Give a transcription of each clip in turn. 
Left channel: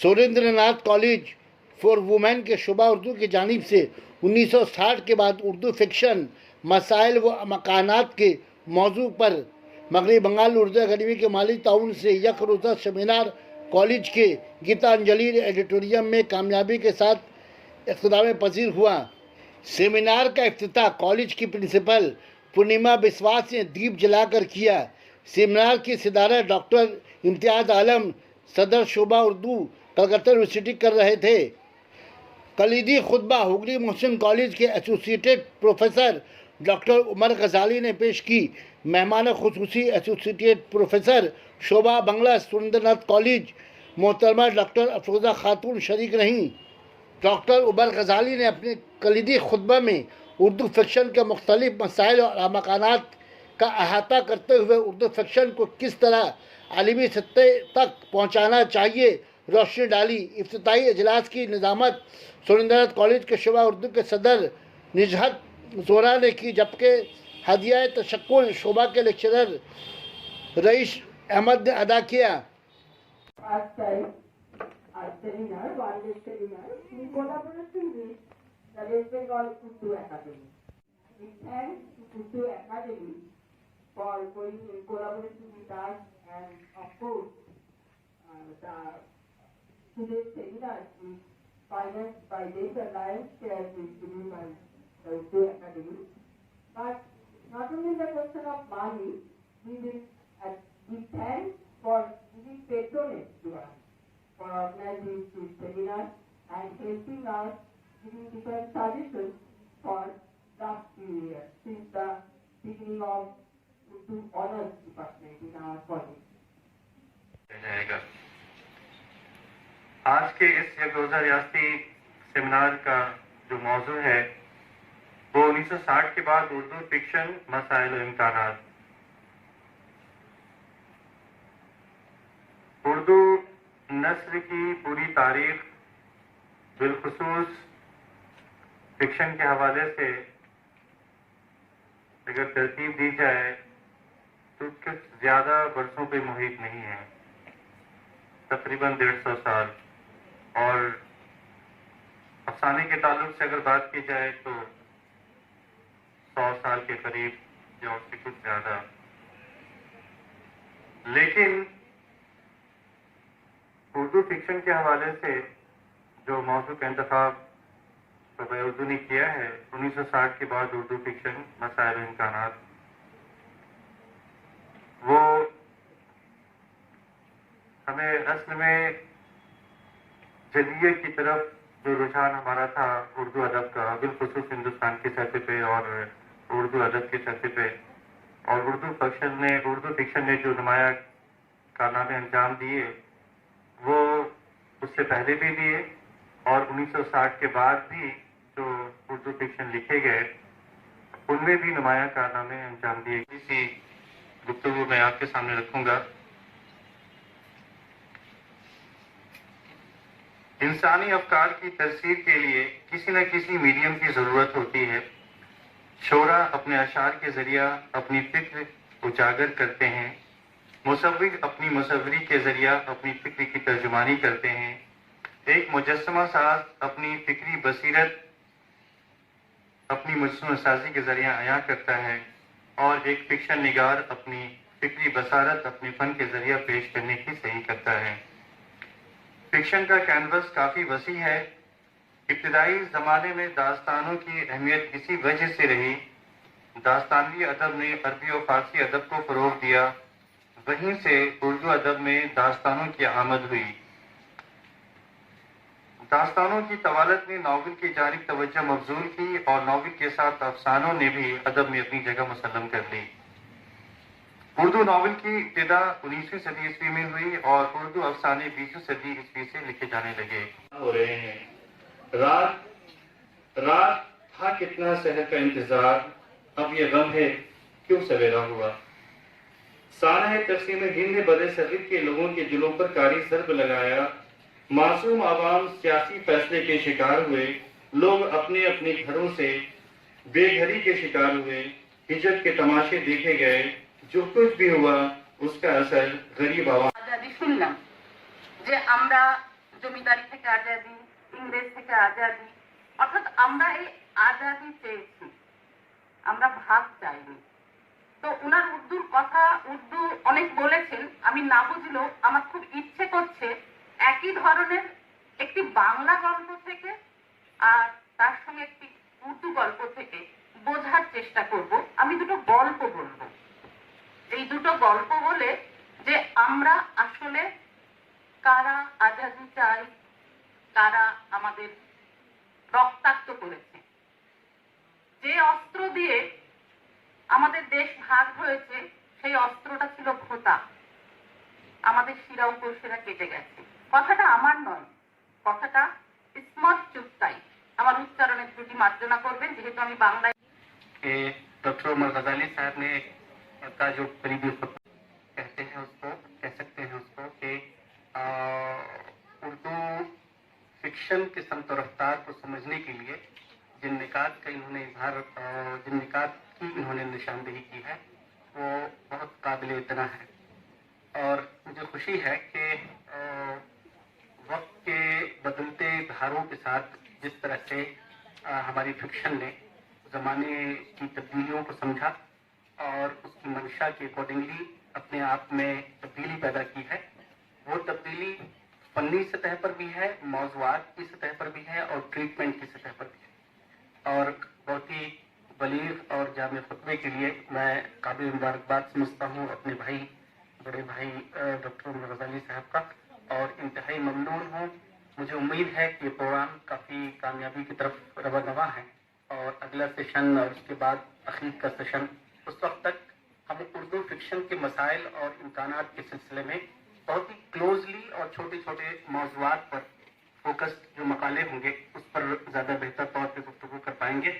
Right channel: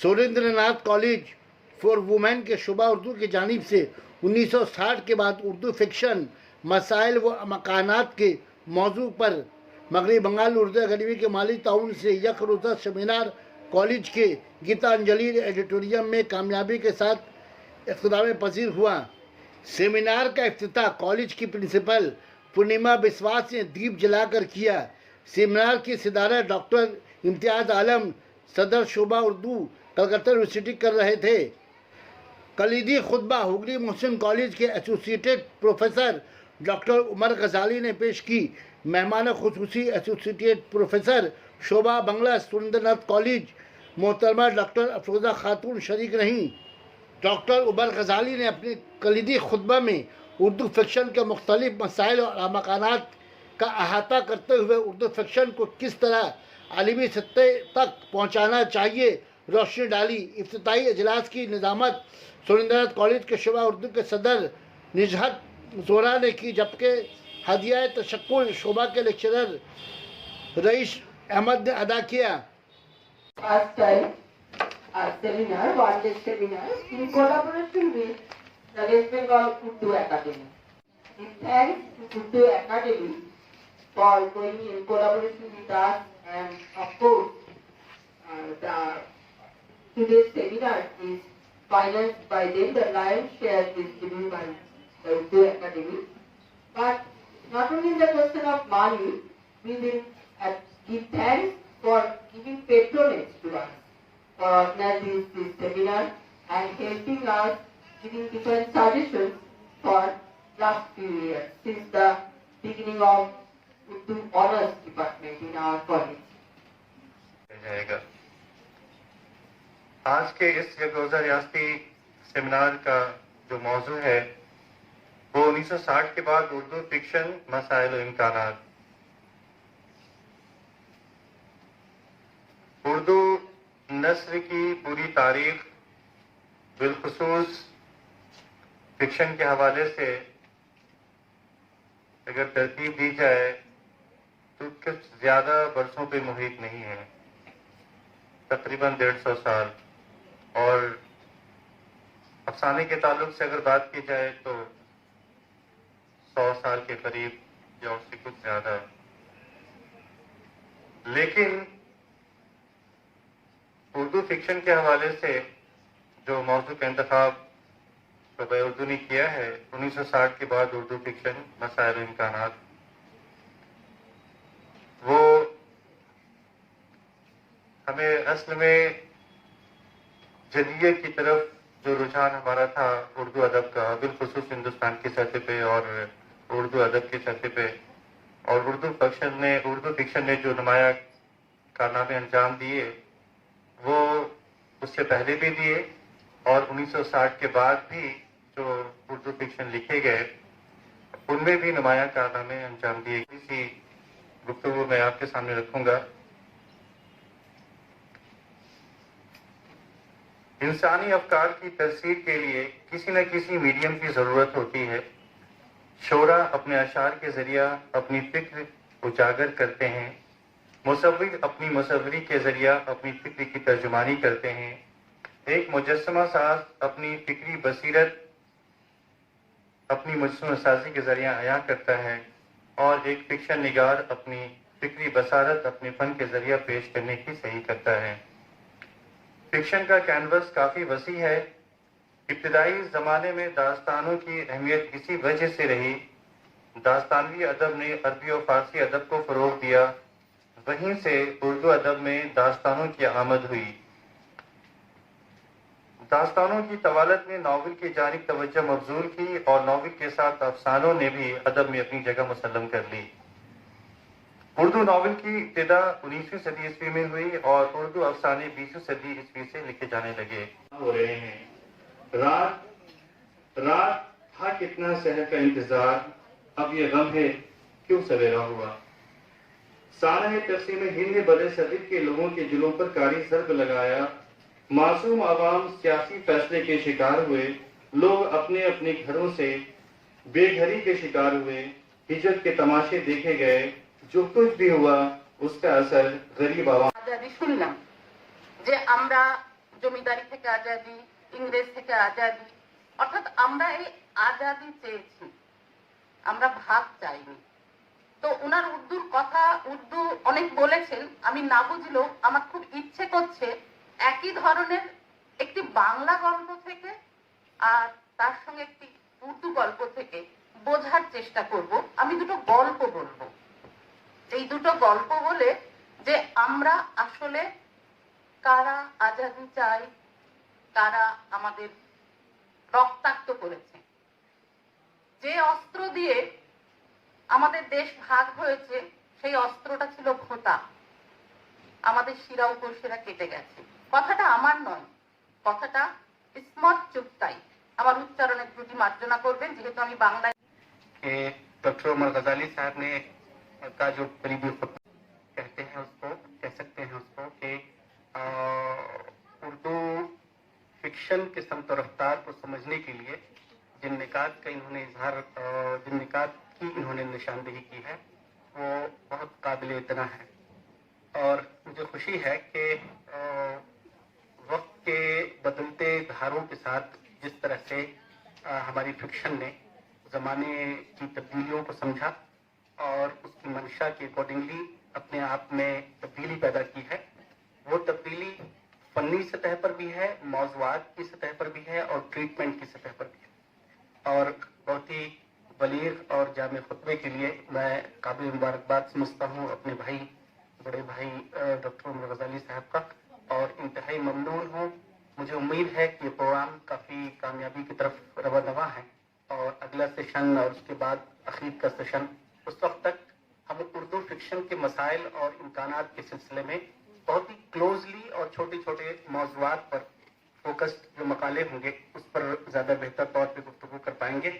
Surendra Nath college for women के शुबा उर्दू की जानिब से 1960 के बाद उर्दू फिक्शन मसाइल व मकानात के मौजू पर मगरबी बंगाल उर्दू अकादमी के माली ताउन से यक रोज़ा सेमिनार कॉलेज के गीतांजलि एडिटोरियम में कामयाबी के साथ इख्तिताम पजीर हुआ। सेमिनार का इफ्तिताह कॉलेज की प्रिंसिपल पूर्णिमा बिस्वास ने दीप जलाकर किया। सेमिनार की सदारत डॉक्टर इम्तियाज़ आलम सदर शोबा उर्दू कलकत्ता यूनिवर्सिटी कर रहे थे। कलीदी खुतबा हुगली मोहसिन कॉलेज के एसोसिएटेड प्रोफेसर डॉक्टर उमर गजाली ने पेश की। मेहमान खुसूसी एसोसिएटेड प्रोफेसर शोभा बंगला सुरेंद्रनाथ कॉलेज मोहतरमा डॉक्टर अफरोज़ा खातून शरीक रहीं। डॉक्टर उमर गजाली ने अपने कलीदी खुतबा में उर्दू फिक्शन के मुख्तलिफ मसाइल और मकानात का अहाता करते हुए उर्दू फिक्शन को किस तरह आलमी सतह तक पहुँचाना चाहिए रोशनी डाली। इफ्तिताई इजलास की निज़ामत सुरेंद्रनाथ कॉलेज के शुबा उर्दू के सदर निजहत जोरा ने की, जबकि हदिया तशक्कुर शोबा के लेक्चरर रईस अहमद ने अदा किया। Seminar, one-day seminar in collaboration with the West Bengal Urdu Academy. We thank the Urdu Academy for going in collaboration with us, and of course, today's seminar is financed by them. The lion's share is given by the Urdu Academy. But not only in the question of money, we will give thanks for giving patronage to us, for organizing this seminar and helping us, giving different suggestions for last few years since the beginning of Urdu Honors Department in our college. आज के इस यकरोज़ा रियासती seminar का जो मौजू है वो 1960 के बाद उर्दू फिक्शन मसाइल और इम्कानात। उर्दू नस्र की पूरी तारीख बिलखुसूस फिक्शन के हवाले से अगर तरतीब दी जाए तो कुछ ज़्यादा बरसों पे मुहित नहीं है, तकरीबन 150 साल। और अफसाने के ताल्लुक से अगर बात की जाए तो 100 साल के करीब या उससे कुछ ज़्यादा। लेकिन उर्दू फिक्शन के हवाले से जो मौजू का इंतखाब शोबा उर्दू ने किया है 1960 के बाद उर्दू फिक्शन मसाइल इम्कानात, वो हमें असल में जदीयत की तरफ जो रुझान हमारा था उर्दू अदब का, बिलखुसूस हिंदुस्तान की सतह पे और उर्दू अदब की सतह पे, और उर्दू फिक्शन ने जो नुमाया कारनामे अंजाम दिए वो उससे पहले भी दिए और 1960 के बाद भी जो उर्दू फिक्शन लिखे गए उनमें भी नुमाया कारनामे अंजाम दिए। इसी गुफ्तगू मैं आपके सामने रखूंगा। इंसानी अफकार की तरसीर के लिए किसी न किसी मीडियम की ज़रूरत होती है। शोरा अपने अशार के ज़रिया अपनी फिक्र उजागर करते हैं, मुसव्विर अपनी मुसव्वरी के ज़रिया अपनी फिक्र की तर्जुमानी करते हैं, एक मुजस्समा साज अपनी फिक्री बसीरत अपनी मुजस्समा साजी के ज़रिया अया करता है और एक फिक्शन निगार अपनी फिक्री बसारत अपने फ़न के ज़रिया पेश करने की सही करता है। फिक्शन का कैनवस काफ़ी वसी है। इब्तिदाई ज़माने में दास्तानों की अहमियत इसी वजह से रही। दास्तानवी अदब ने अरबी और फ़ारसी अदब को फ़रोग़ दिया, वहीं से उर्दू अदब में दास्तानों की आमद हुई। दास्तानों की तवालत में नावल की जानिब तवज्जो मबज़ूल की और नावल के साथ अफसानों ने भी अदब में अपनी जगह मुसल्लम कर ली। उर्दू नावल की इब्तिदा 19वीं सदी ईस्वी में हुई और उर्दू अफसाने 20वीं सदी ईस्वी से लिखे जाने लगे। हो रहे हैं रात था कितना सहर का इंतजार, अब ये गम है क्यों सवेरा हुआ। सारा है तक़सीम हिंद ने बदे सग़ीर के लोगों के दिलों पर कारी ज़र्ब लगाया। मासूम आवाम सियासी फैसले के शिकार हुए, लोग अपने अपने घरों से बेघरी के शिकार हुए, हिजरत के तमाशे देखे गए, जो कुछ भी हुआ उसका असर गरीब आवाम। শুনলাম যে আমরা জমিদারি থেকে আজাদি, ইংরেজ থেকে আজাদি, অর্থাৎ আমরা এই আজাদি চেয়েছি, আমরা ভাগ চাইনি। তো উনার উর্দুর কথা, উর্দু অনেক বলেছেন, আমি না বুঝলেও আমার খুব ইচ্ছে করছে একই ধরনের একটি বাংলা গল্প থেকে আর তার সঙ্গে একটি উর্দু গল্প থেকে বোঝার চেষ্টা করব। আমি দুটো গল্প বলবো, এই দুটো গল্প বলে যে আমরা আসলে কারা আজাদি চাই, তারা আমাদের রক্তাক্ত করেছে। যে অস্ত্র দিয়ে আমাদের দেশ ভাগ হয়েছে সেই অস্ত্রটা ছিল ভোঁতা। আমাদের শিরা উপর সেরা কেটে গেছে। কথাটা আমার নয়, কথাটা ইসমত চুগতাই। আমার উচ্চারণের ত্রুটি মার্জনা করবেন, যেহেতু আমি বাংলায়। डॉक्टर उमर गजाली साहब ने का जो करीबी खुतबा कहते हैं उसको, कह सकते हैं उसको कि उर्दू फिक्शन के समत रफ्तार को समझने के लिए जिन निकात का इन्होंने इजहार, जिन निकात की इन्होंने निशानदेही की है वो बहुत काबिल इतना है। और मुझे खुशी है कि वक्त के बदलते धारों के साथ जिस तरह से हमारी फिक्शन ने ज़माने की तब्दीलियों को समझा और उसकी मंशा के अकॉर्डिंगली अपने आप में तब्दीली पैदा की है, वो तब्दीली फ़नी सतह पर भी है, मौज़ूआत की सतह पर भी है और ट्रीटमेंट की सतह पर भी है। और बहुत ही बलीग और जामे खुतबे के लिए मैं काबिल मुबारकबाद समझता हूँ अपने भाई, बड़े भाई डॉक्टर उमर गजाली साहब का, और इंतहाई ममनून हूँ। मुझे उम्मीद है कि ये प्रोग्राम काफ़ी कामयाबी की तरफ रवानवा है और अगला सेशन और उसके बाद अखीर का सेशन, उस वक्त तक हम उर्दू फिक्शन के मसाइल और इम्कानात के सिलसिले में बहुत ही क्लोजली और छोटे छोटे मौज़ूआत पर फोकस्ड जो मकाले होंगे उस पर ज़्यादा बेहतर तौर पर गुफ्तगू कर पाएंगे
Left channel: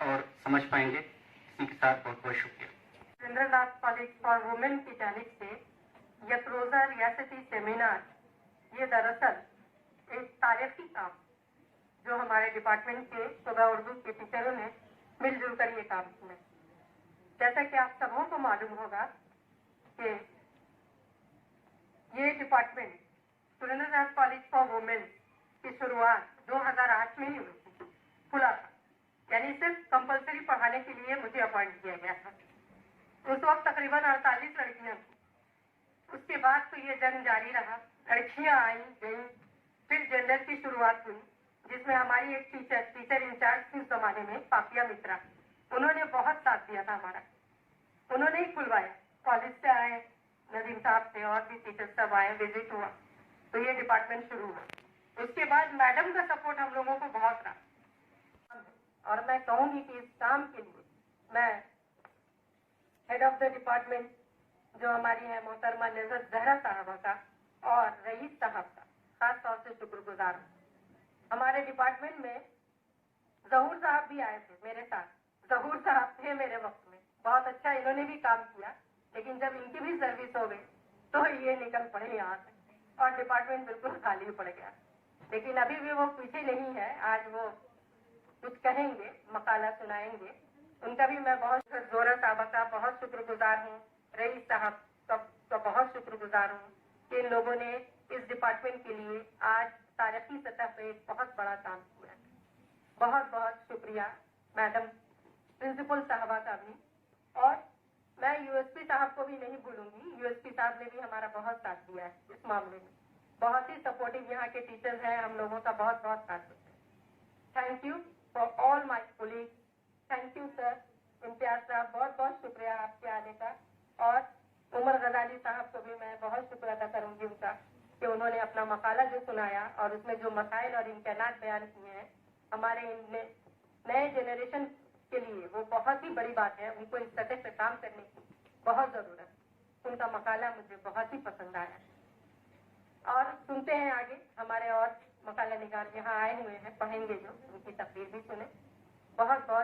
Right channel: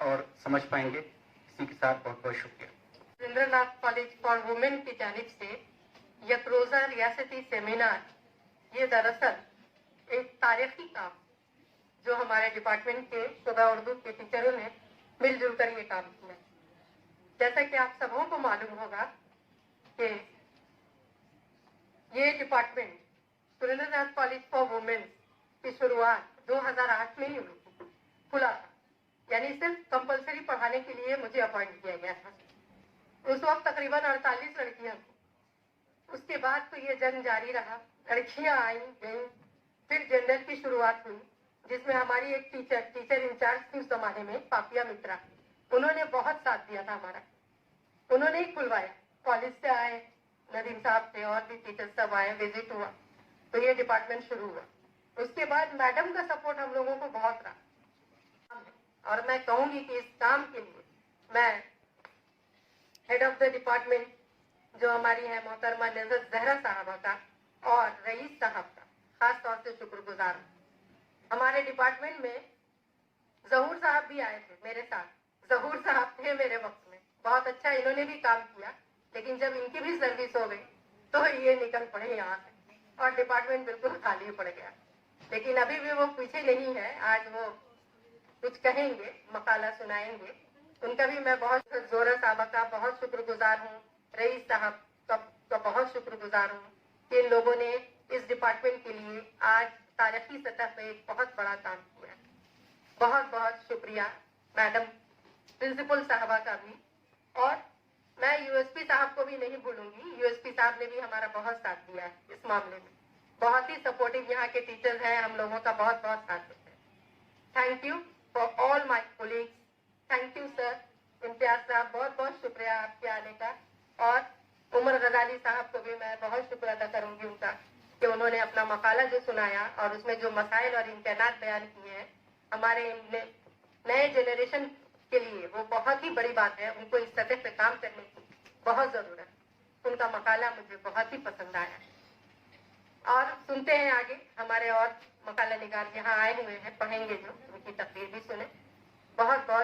और समझ पाएंगे। इसी के साथ बहुत बहुत शुक्रिया। सुरेंद्रनाथ कॉलेज फॉर वुमेन की जानिब से यकरोज़ा रियासती सेमिनार, ये दरअसल एक तारीखी काम जो हमारे डिपार्टमेंट के शोबा उर्दू के टीचरों ने मिलजुल कर ये काम किया। जैसा कि आप सबों को मालूम होगा कि ये department Surendranath college for women की शुरुआत 2008 में ही हुई थी, खुला, यानी सिर्फ कंपलसरी पढ़ाने के लिए मुझे अपॉइंट किया गया था। उस वक्त तकरीबन 48 लड़कियां थी। उसके बाद तो ये जंग जारी रहा, लड़कियां आई गई, फिर जेंडर की शुरुआत हुई, जिसमें हमारी एक टीचर इंचार्ज थी उस जमाने में, पापिया मित्रा। उन्होंने बहुत साथ दिया था हमारा, उन्होंने ही खुलवाया। कॉलेज से आए, नदीम साहब थे और भी टीचर सब आए, विजिट हुआ, तो ये डिपार्टमेंट शुरू हुआ। उसके बाद मैडम का सपोर्ट हम लोगों को बहुत रहा, और मैं कहूंगी कि इस काम के लिए मैं हेड ऑफ द डिपार्टमेंट जो हमारी है मोहतरमा निज़त जहरा साहबा का और रईस साहब का खास तौर से शुक्रगुजार हूँ। हमारे डिपार्टमेंट में जहूर साहब भी आए थे मेरे साथ, जहूर साहब थे मेरे वक्त में, बहुत अच्छा इन्होंने भी काम किया, लेकिन जब इनकी भी सर्विस हो गई तो ये निकल पड़े यहाँ से और डिपार्टमेंट बिल्कुल खाली पड़ गया। लेकिन अभी भी वो पीछे नहीं है, आज वो कुछ कहेंगे, मकाला सुनाएंगे। उनका भी मैं बहुत, जोरा साहबा का बहुत शुक्रगुजार हूँ, रईस साहब का बहुत शुक्रगुजार हूँ कि इन लोगों ने इस डिपार्टमेंट के लिए आज तारीखी सतह पे एक बहुत बड़ा काम किया। बहुत बहुत शुक्रिया मैडम प्रिंसिपल साहबा का भी, और मैं यूएसपी साहब को भी नहीं भूलूंगी। यूएसपी साहब ने भी हमारा बहुत साथ दिया है इस मामले में, बहुत ही सपोर्टिव यहाँ के टीचर्स हैं, हम लोगों का बहुत बहुत साथ देते हैं। Thank you for all my colleagues, thank you sir. Imtiaz साहब बहुत बहुत शुक्रिया आपके आने का, और उमर गजाली साहब को भी मैं बहुत शुक्र अदा करूंगी उनका कि उन्होंने अपना मकाला जो सुनाया और उसमें जो मसाइल और इम्कानात बयान किए हैं हमारे नए जनरेशन के लिए, वो बहुत ही बड़ी बात है। उनको इस सतह पे काम करने की बहुत ज़रूरत है। उनका मकाला मुझे बहुत ही पसंद आया। और सुनते हैं आगे हमारे और मकाला निगार यहाँ आए हुए हैं, पढ़ेंगे जो, उनकी तकरीर भी सुने। बहुत बहुत